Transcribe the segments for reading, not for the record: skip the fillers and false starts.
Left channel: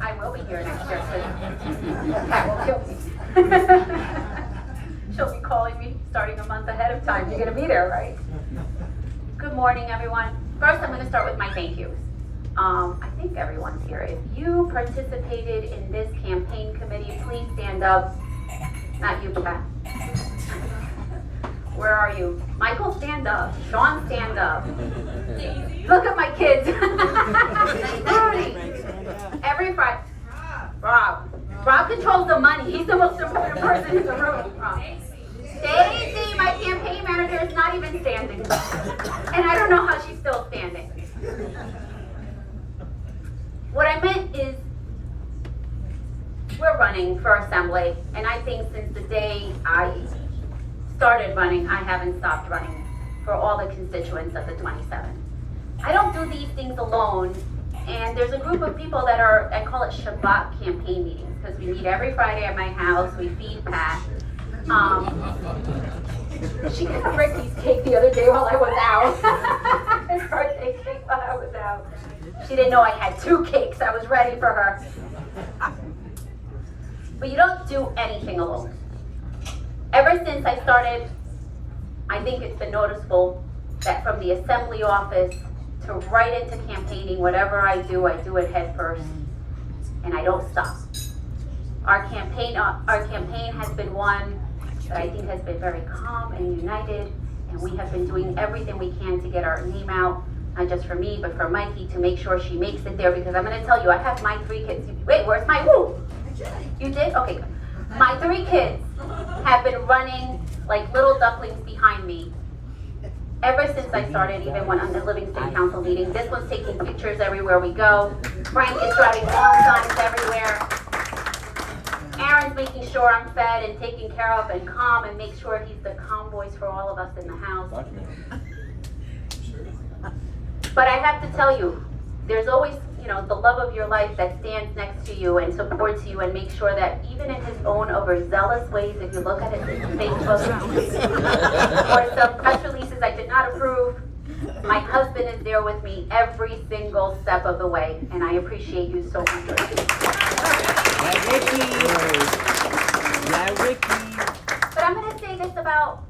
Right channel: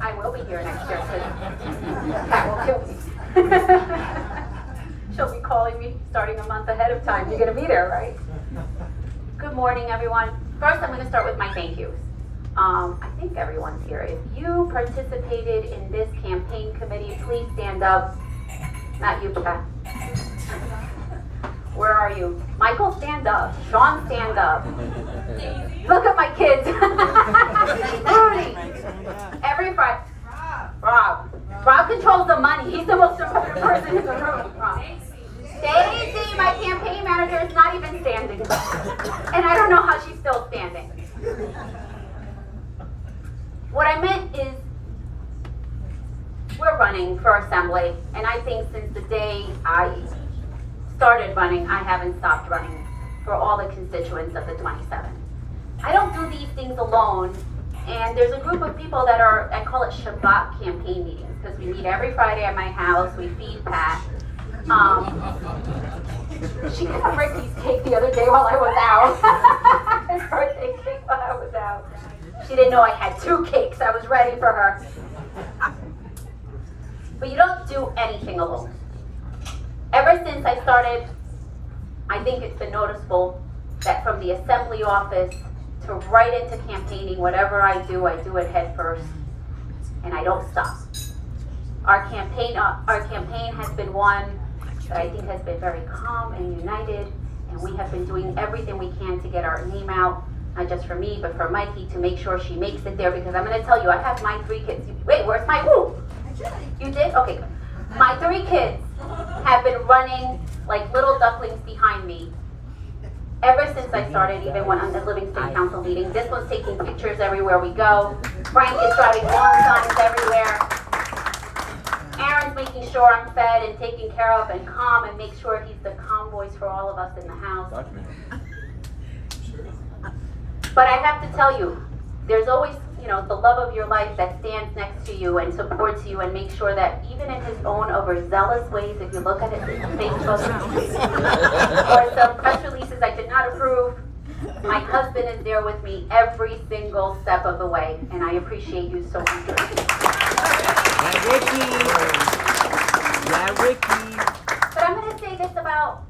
I will be here next year, because Pat will kill me. She'll be calling me starting a month ahead of time. You're going to be there, right? Good morning, everyone. First, I'm going to start with my thank yous. I think everyone's here. If you participated in this campaign committee, please stand up. Not you, Pat. Where are you? Michael, stand up. Sean, stand up. Look at my kids. Rudy. Every Friday. Rob controls the money. He's the most important person in the room. Stacy, my campaign manager, is not even standing. And I don't know how she's still standing. What I meant is, we're running for assembly, and I think since the day I started running, I haven't stopped running for all the constituents of the 27. I don't do these things alone, and there's a group of people that are, I call it Shabbat campaign meetings, because we meet every Friday at my house, we feed Pat. She got Ricky's cake the other day while I was out. His birthday cake while I was out. She didn't know I had 2 cakes, I was ready for her. But you don't do anything alone. Ever since I started, I think it's been noticeable that from the assembly office to right into campaigning, whatever I do it head first, and I don't stop. Our campaign has been one that I think has been very calm and united, and we have been doing everything we can to get our name out, not just for me, but for Mikey, to make sure she makes it there, because I'm going to tell you, I have my 3 kids. Wait, where's my woo? You did? Okay, good. My 3 kids have been running like little ducklings behind me ever since I started, even when on the Livingston Council meeting. This one's taking pictures everywhere we go. Frank is driving lawn signs everywhere. Aaron's making sure I'm fed and taken care of and calm, and make sure he's the calm voice for all of us in the house. But I have to tell you, there's always, the love of your life that stands next to you and supports you and makes sure that even in his own overzealous ways, if you look at it in Facebook or some press releases I did not approve, my husband is there with me every single step of the way, and I appreciate you so much. Ricky. But I'm going to say this about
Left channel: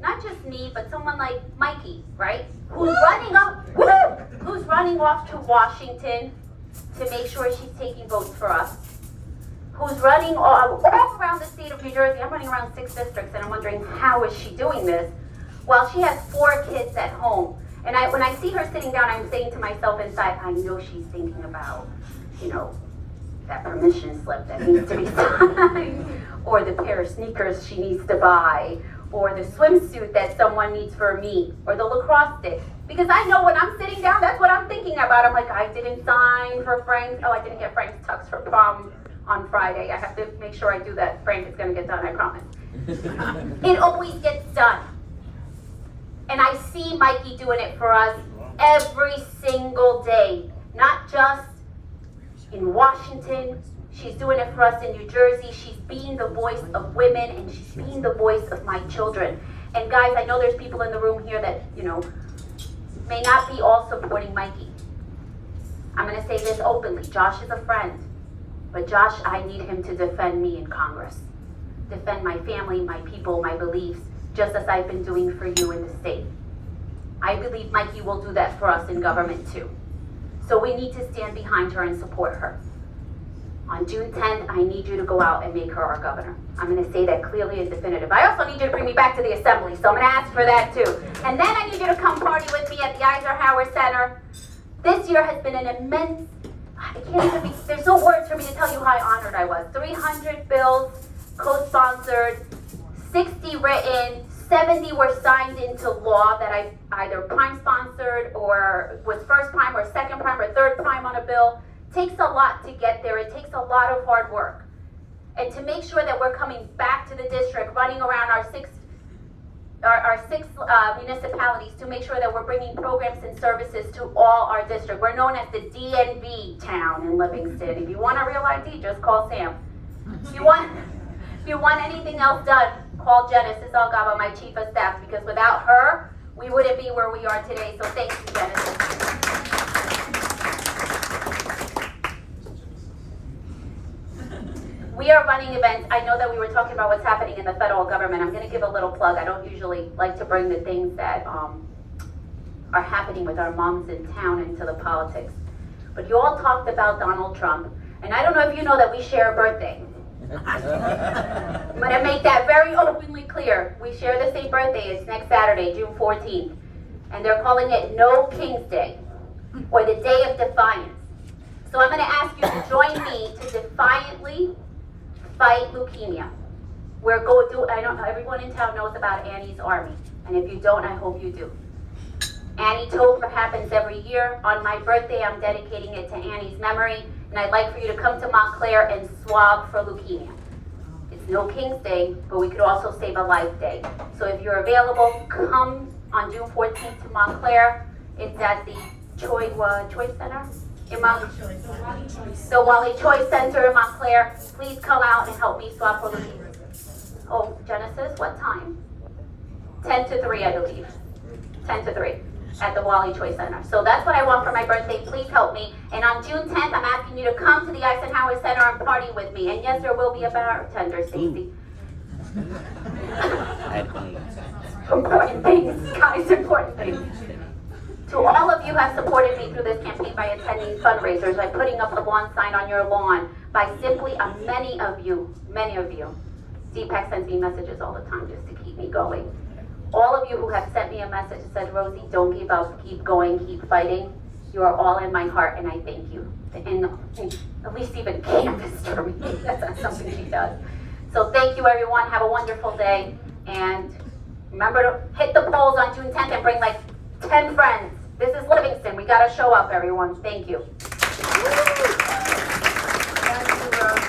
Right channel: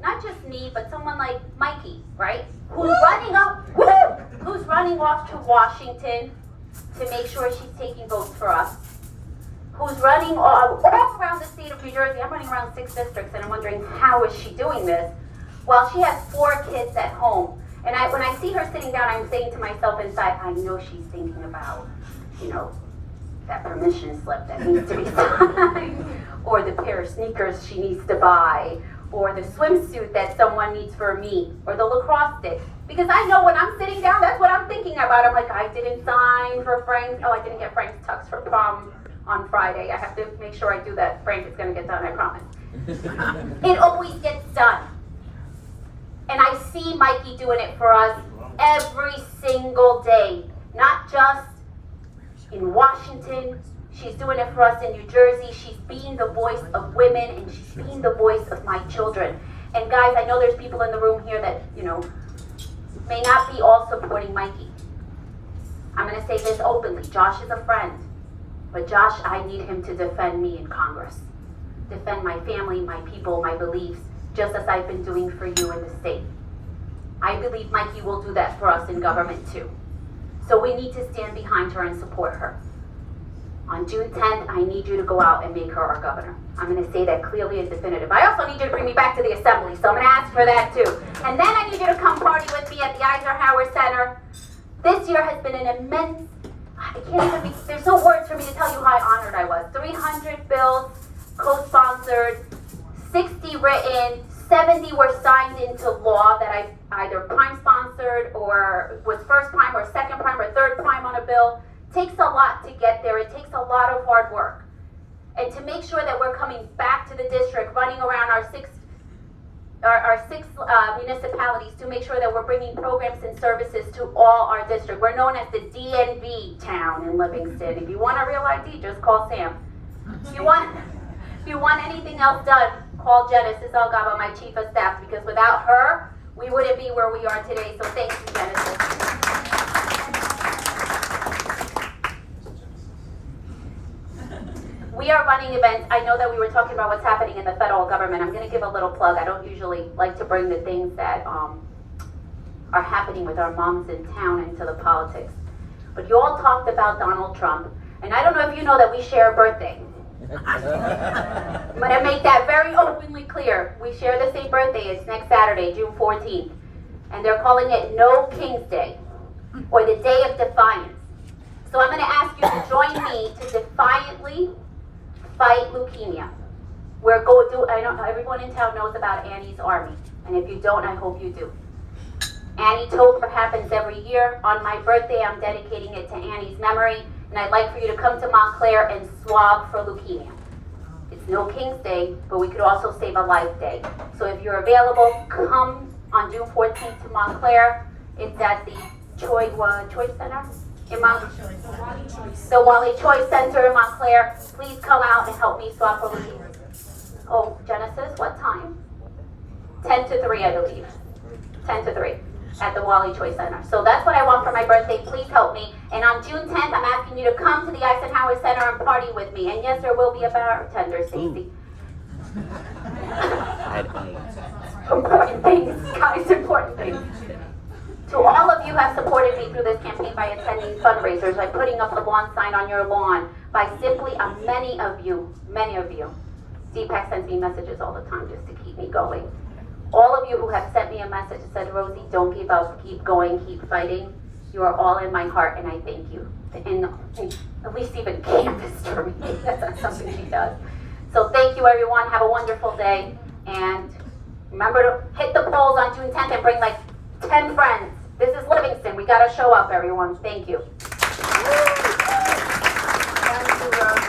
not just me, but someone like Mikey, right? Who's running off to Washington to make sure she's taking votes for us. Who's running all around the state of New Jersey. I'm running around 6 districts, and I'm wondering, how is she doing this? Well, she has 4 kids at home. And when I see her sitting down, I'm saying to myself inside, I know she's thinking about, that permission slip that needs to be signed, or the pair of sneakers she needs to buy, or the swimsuit that someone needs for me, or the lacrosse stick. Because I know when I'm sitting down, that's what I'm thinking about. I'm like, I didn't sign for Frank's, I didn't get Frank's tux for prom on Friday. I have to make sure I do that. Frank is gonna get done, I promise. It always gets done. And I see Mikey doing it for us every single day, not just in Washington. She's doing it for us in New Jersey. She's being the voice of women, and she's being the voice of my children. And guys, I know there's people in the room here that, may not be all supporting Mikey. I'm going to say this openly. Josh is a friend. But Josh, I need him to defend me in Congress. Defend my family, my people, my beliefs, just as I've been doing for you in the state. I believe Mikey will do that for us in government too. So we need to stand behind her and support her. On June 10th, I need you to go out and make her our governor. I'm going to say that clearly and definitive. I also need you to bring me back to the assembly, so I'm going to ask for that too. And then I need you to come party with me at the Eisenhower Center. This year has been an immense, there's no words for me to tell you how honored I was. 300 bills co-sponsored, 60 written, 70 were signed into law that I either prime sponsored or was first prime or second prime or third prime on a bill. Takes a lot to get there. It takes a lot of hard work. And to make sure that we're coming back to the district, running around our six municipalities to make sure that we're bringing programs and services to all our district. We're known as the DNV town in Livingston. If you want a real ID, just call Sam. If you want anything else done, call Genesis Algaba, my chief of staff, because without her, we wouldn't be where we are today. So thank you, Genesis. We are running events. I know that we were talking about what's happening in the federal government. I'm going to give a little plug. I don't usually like to bring the things that are happening with our moms in town into the politics. But you all talked about Donald Trump. And I don't know if you know that we share a birthday. I'm going to make that very openly clear. We share the same birthday. It's next Saturday, June 14th. And they're calling it No King's Day, or the Day of Defiance. So I'm going to ask you to join me to defiantly fight leukemia. I don't know, everyone in town knows about Annie's Army. And if you don't, I hope you do. Annie-tober happens every year. On my birthday, I'm dedicating it to Annie's memory. And I'd like for you to come to Montclair and swab for leukemia. It's No King's Day, but we could also save a life day. So if you're available, come on June 14th to Montclair. It's at the Choice Center in Montclair. The Wally Choice Center in Montclair. Please come out and help me swab for leukemia. Oh, Genesis, what time? 10 to 3, I believe. 10 to 3. At the Wally Choice Center. So that's what I want for my birthday. Please help me. And on June 10th, I'm asking you to come to the Eisenhower Center and party with me. And yes, there will be a bartender, Stacy. Important things, guys, important things. To all of you who have supported me through this campaign by attending fundraisers, by putting up the lawn sign on your lawn, by simply, many of you, Deepak sends me messages all the time just to keep me going. All of you who have sent me a message that said, Rosie, don't give up, keep going, keep fighting. You are all in my heart, and I thank you. And at least even canvassed for me. That's not something she does. So thank you, everyone. Have a wonderful day. And remember to hit the polls on June 10th and bring like 10 friends. This is Livingston. We got to show up, everyone. Thank you. Thank you, Rosie.